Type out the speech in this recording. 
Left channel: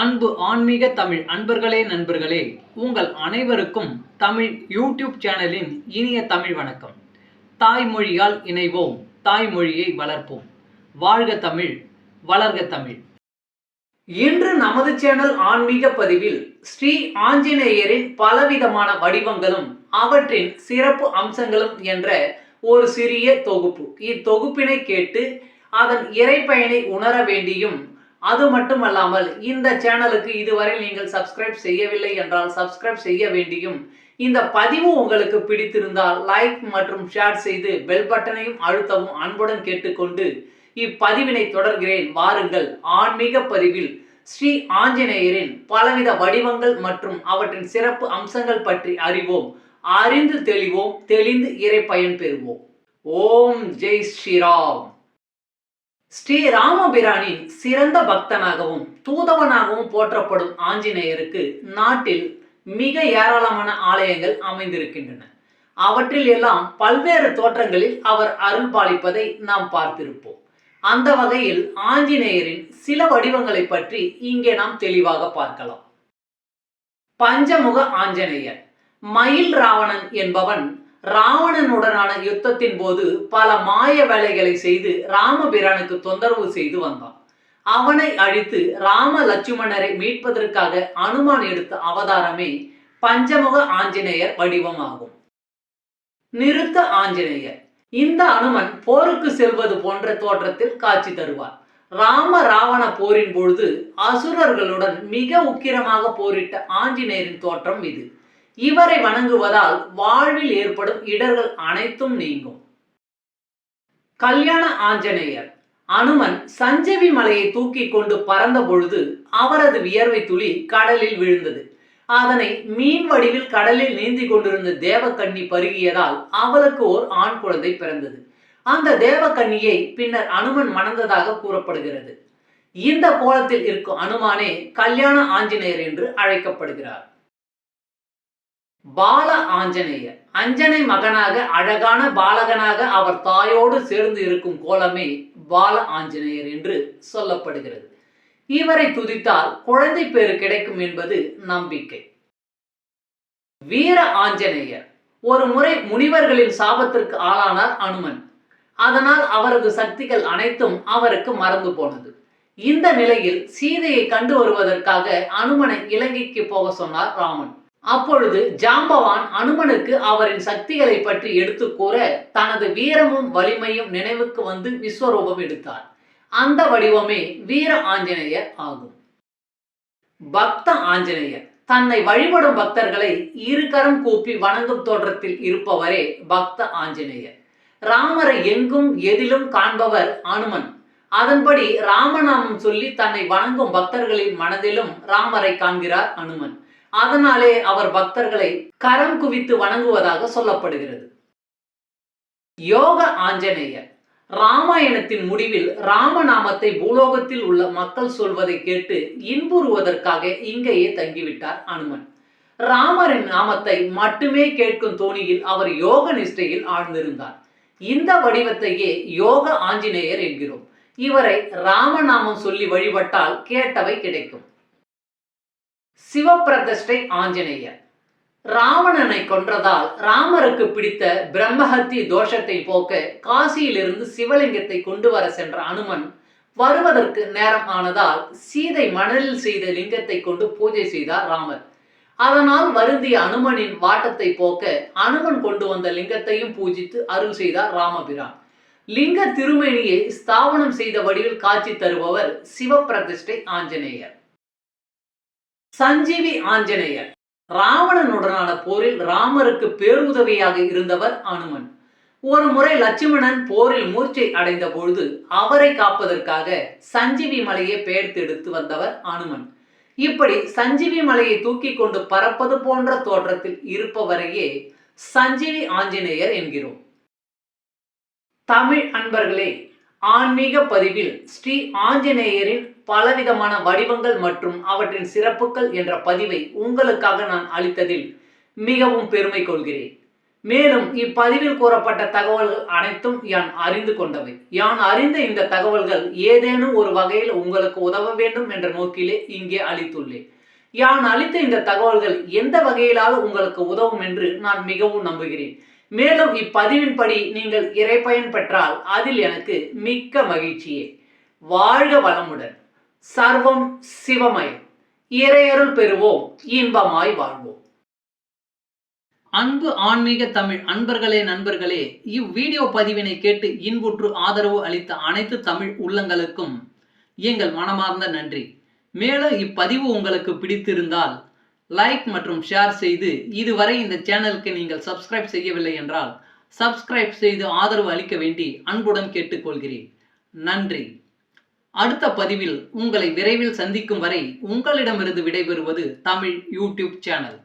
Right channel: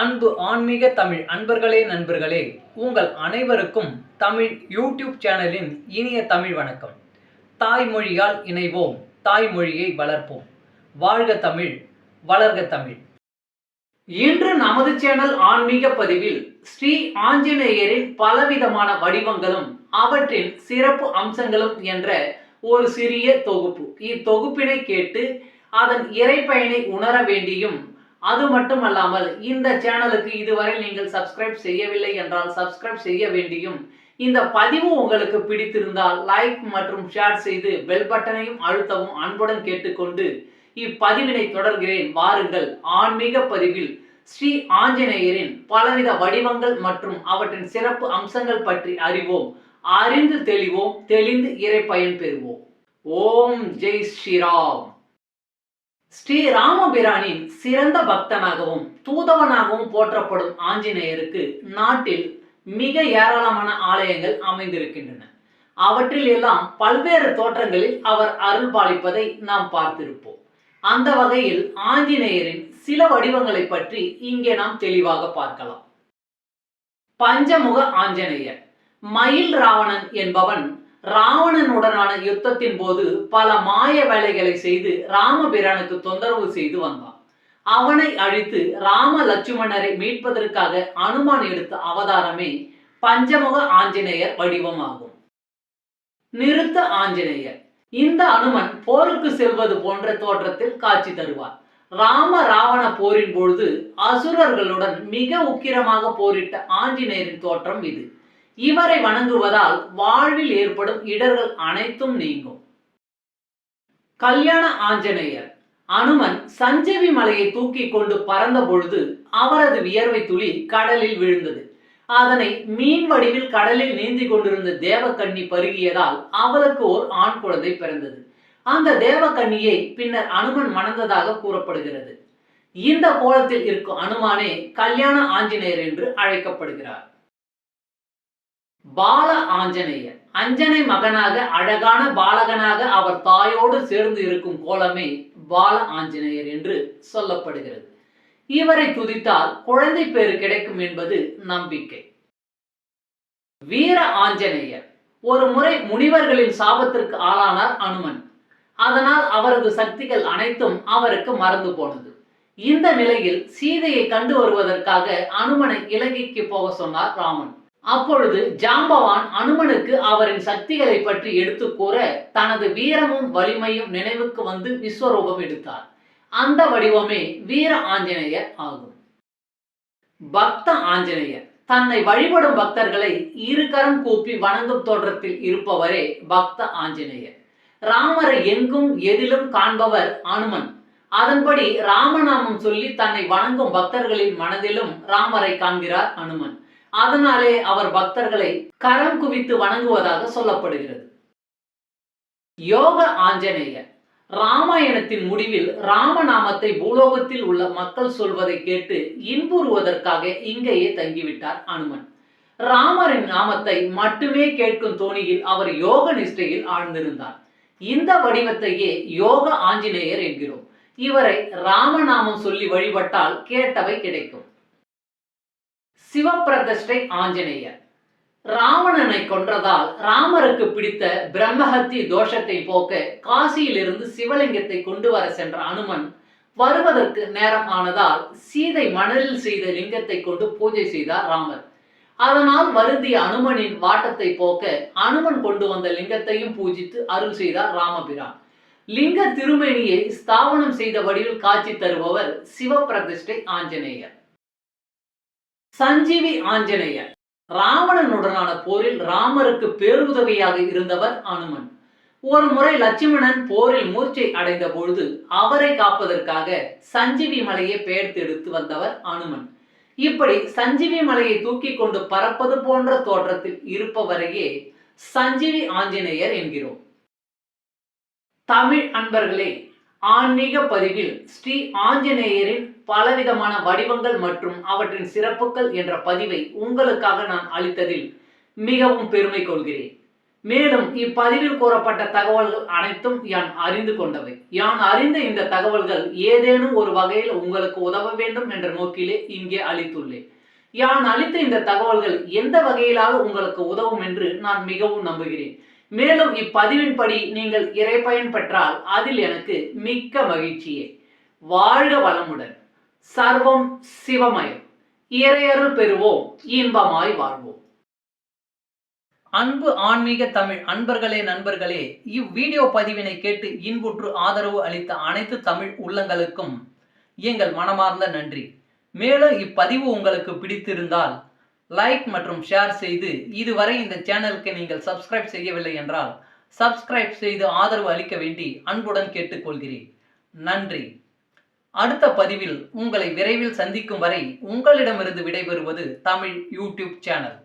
அன்பு ஆன்மீக தமிழ் அன்பர்களே நண்பர்களே, உங்கள் அனைவருக்கும் தமிழ் யூடியூப் சேனலின் இனிய தமிழ் வணக்கம். தாய்மொழியால் இணைவோம், தாய்மொழியை வளர்ப்போம். வாழ்க தமிழ், வளர்க தமிழ். இன்று நமது சேனல் ஆன்மீக பதிவில் ஸ்ரீ ஆஞ்சநேயரின் பலவிதமான வடிவங்களும் அவற்றின் சிறப்பு அம்சங்களும் என்ற ஒரு சிறிய தொகுப்பு. இத்தொகுப்பினை கேட்டு அதன் இறைப்பயனை உணர வேண்டியும், அது மட்டுமல்லாமல் இந்த சேனலுக்கு இதுவரை நீங்கள் சப்ஸ்கிரைப் செய்யவில்லை என்றால் சப்ஸ்கிரைப் செய்ய வேண்டியும், இந்த பதிவு உங்களுக்கு பிடித்திருந்தால் லைக் மற்றும் ஷேர் செய்து பெல் பட்டனையும் அழுத்தவும் அன்புடன் கேட்டுக்கொண்டு இப்பதிவினை தொடர்கிறேன். வாருங்கள், ஆன்மீக பதிவில் ஸ்ரீ ஆஞ்சநேயரின் பலவித வடிவங்கள் மற்றும் அவற்றின் சிறப்பு அம்சங்கள் பற்றி அறிவோம். அறிந்து தெளிவோம், தெளிந்து இறை பயன் பெறுவோம். ஓம் ஜெய் ஸ்ரீராம். ஸ்ரீ ராமபிரானின் சிறந்த பக்தனாகவும் தூதவனாகவும் போற்றப்படும் ஆஞ்சநேயருக்கு நாட்டில் மிக ஏராளமான ஆலயங்கள் அமைந்திருக்கின்றன. அவற்றில் எல்லாம் பல்வேறு தோற்றங்களில் அவர் அருள் பாலிப்பதை நாம் பார்த்திருப்போம். அந்த வகையில் ஆஞ்சநேயரின் சில வடிவங்களை பற்றி இங்கே நாம் தெளிவாக பார்க்கலாம். பஞ்சமுக ஆஞ்சநேயர். மயில் ராவணன் என்பவன் ராவணனுடனான யுத்தத்தின் போது பல மாய வேலைகளை செய்து ராமபிரானுக்கு தொந்தரவு செய்து வந்தான். அவனை அழித்து ராம லட்சுமணரை மீட்பதற்காக அனுமான் எடுத்த அவதாரமே பஞ்சமுக ஆஞ்சநேயர் வடிவமாகும். நிருத்த ஆஞ்சநேயர். இந்த அனுமன் போருக்கு செல்வது போன்ற தோற்றத்தில் காட்சி தருவார். ராம ராவண போரின் பொழுது அசுரர்களுடன் மிக உக்கிரமாக போரிட்ட ஆஞ்சநேயரின் தோற்றம் இது. இவரை வணங்குவதால் வாழ்வில் ஏற்படும் இடர்கள் அனைத்தும் நீங்கும். கல்யாண ஆஞ்சநேயர். அனுமன் சஞ்சீவி மலையை தூக்கி கொண்டு பறந்த பொழுது அவரது வியர்வை துளி கடலில் விழுந்தது. அதனை மீன் வடிவில் கடலில் நீந்தி கொண்டிருந்த தேவக்கன்னி பருகியதால் அவளுக்கு ஓர் ஆண் குழந்தை பிறந்தது. அந்த தேவக்கன்னியை பின்னர் அனுமன் மணந்ததாக கூறப்படுகிறது. இந்த கோலத்தில் இருக்கும் அனுமானே கல்யாண ஆஞ்சநேயர் என்று அழைக்கப்படுகிறார். பால ஆஞ்சநேயர். அஞ்சனை மகனாக அழகான பாலகனாக அவர் தாயோடு சேர்ந்து இருக்கும் கோலமே பால ஆஞ்சநேயர் என்று சொல்லப்படுகிறது. இவரை துதித்தால் குழந்தை பேறு கிடைக்கும் என்பது நம்பிக்கை. வீர ஆஞ்சநேயர். ஒரு முறை முனிவர்களின் சாபத்திற்கு ஆளானார் அனுமன். அதனால் அவரது சக்திகள் அனைத்தும் அவருக்கு மறந்து போனது. இந்த நிலையில் சீதையை கண்டு வருவதற்காக அனுமனை இலங்கைக்கு போக சொன்னார் ராமன். அப்பொழுது ஜாம்பவான் அனுமனுக்கு அவரின் சக்திகளை பற்றி எடுத்து கூற தனது வீரமும் வலிமையும் நினைவுக்கு வந்து விஸ்வரூபம் எடுத்தார். அந்த வடிவமே வீர ஆஞ்சநேயர் ஆகும். பக்த ஆஞ்சநேயர். தன்னை வழிபடும் பக்தர்களை இருகரம் கூப்பி வணங்கும் தோற்றத்தில் இருப்பவரே பக்த ஆஞ்சநேயர். ராமரை எங்கும் எதிலும் காண்பவர் அனுமன். அதன்படி ராமநாமம் சொல்லி தன்னை வணங்கும் பக்தர்களின் மனதிலும் ராமரை காண்கிறார் அனுமன். அதனாலே அவர் பக்தர்களை கரம் குவித்து வணங்குவதாக சொல்லப்படுகிறது. யோக ஆஞ்சநேயர். ராமாயணத்தின் முடிவில் ராமநாமத்தை பூலோகத்தில் உள்ள மக்கள் சொல்வதை கேட்டு இன்புறுவதற்காக இங்கேயே தங்கிவிட்டார் அனுமன். ராமரின் நாமத்தை மட்டுமே கேட்கும் தோணியில் அவர் யோக நிஷ்டையில் ஆழ்ந்திருந்தார். இந்த வடிவத்தையே யோக ஆஞ்சநேயர் என்கிறோம். இவரை ராமநாமம் சொல்லி வழிபட்டால் கேட்டவை கிடைக்கும். சிவப்பிரதிஷ்டை ஆஞ்சநேயர். ராவணனை கொன்றதால் ராமருக்கு பிடித்த பிரம்மஹத்தி தோஷத்தை போக்க காசியிலிருந்து சிவலிங்கத்தை கொண்டு வர சென்ற அனுமன் வருவதற்கு நேரம் ஆனதால் சீதை மணலில் செய்த லிங்கத்தை கொண்டு பூஜை செய்தார் ராமர். அதனால் வருந்திய அனுமனின் வாட்டத்தை போக்க அனுமன் கொண்டு வந்த லிங்கத்தையும் பூஜித்து அருள் செய்தார் ராமபிரான். லிங்க திருமேனியை ஸ்தாபனம் செய்த வடிவில் காட்சி தருபவர் சிவப்பிரதிஷ்டை ஆஞ்சநேயர். சஞ்சீவி ஆஞ்சநேயர். ராவணனுடனான போரில் ராமருக்கு பேருதவியாக இருந்தவர் அனுமன். ஒரு முறை லட்சுமணன் போரில் மூர்ச்சை அடைந்த பொழுது அவரை காப்பதற்காக சஞ்சீவி மலையை பெயர்த்தெடுத்து வந்தவர் அனுமன். இப்படி சஞ்சீவி மலையை தூக்கி கொண்டு பறப்பது போன்ற தோற்றத்தில் இருப்பவரையே சஞ்சீவி ஆஞ்சநேயர் என்கிறோம். தமிழ் அன்பர்களே, ஆன்மீக பதிவில் ஸ்ரீ ஆஞ்சநேயரின் பலவிதமான வடிவங்கள் மற்றும் அவற்றின் சிறப்புகள் என்ற பதிவை உங்களுக்காக நான் அளித்ததில் மிகவும் பெருமை கொள்கிறேன். மேலும் இப்பதிவில் கூறப்பட்ட தகவல்கள் அனைத்தும் யான் அறிந்து கொண்டவை. யான் அறிந்த இந்த தகவல்கள் ஏதேனும் ஒரு வகையில் உங்களுக்கு உதவ வேண்டும் என்ற நோக்கிலே இங்கே அளித்துள்ளேன். யான் அளித்த இந்த தகவல்கள் எந்த வகையிலாவது உங்களுக்கு உதவும் என்று நான் மிகவும் நம்புகிறேன். மேலும் இப்பதிவின்படி நீங்கள் இறைப்பயன் பெற்றால் அதில் எனக்கு மிக்க மகிழ்ச்சியே. வாழ்க வளமுடன். சர்வம் சிவமயம். இறையருள் பெறுவோம், இன்பமாய் வாழ்வோம். அன்பு ஆன்மீக தமிழ் அன்பர்களே, நண்பர்களே, இவ்வீடியோ பதிவினை கேட்டு இன்புற்று ஆதரவு அளித்த அனைத்து தமிழ் உள்ளங்களுக்கும் எங்கள் மனமார்ந்த நன்றி. மேலும் இப்பதிவு உங்களுக்கு பிடித்திருந்தால் லைக் மற்றும் ஷேர் செய்து, இதுவரை இந்த சேனலுக்கு நீங்கள் சப்ஸ்கிரைப் செய்யவில்லை என்றால் சப்ஸ்கிரைப் செய்து ஆதரவு அளிக்க வேண்டி அன்புடன் கேட்டுக்கொள்கிறேன். நன்றி. அடுத்த பதிவில் உங்களை விரைவில் சந்திக்கும் வரை உங்களிடமிருந்து விடைபெறுவது தமிழ் யூடியூப் சேனல்.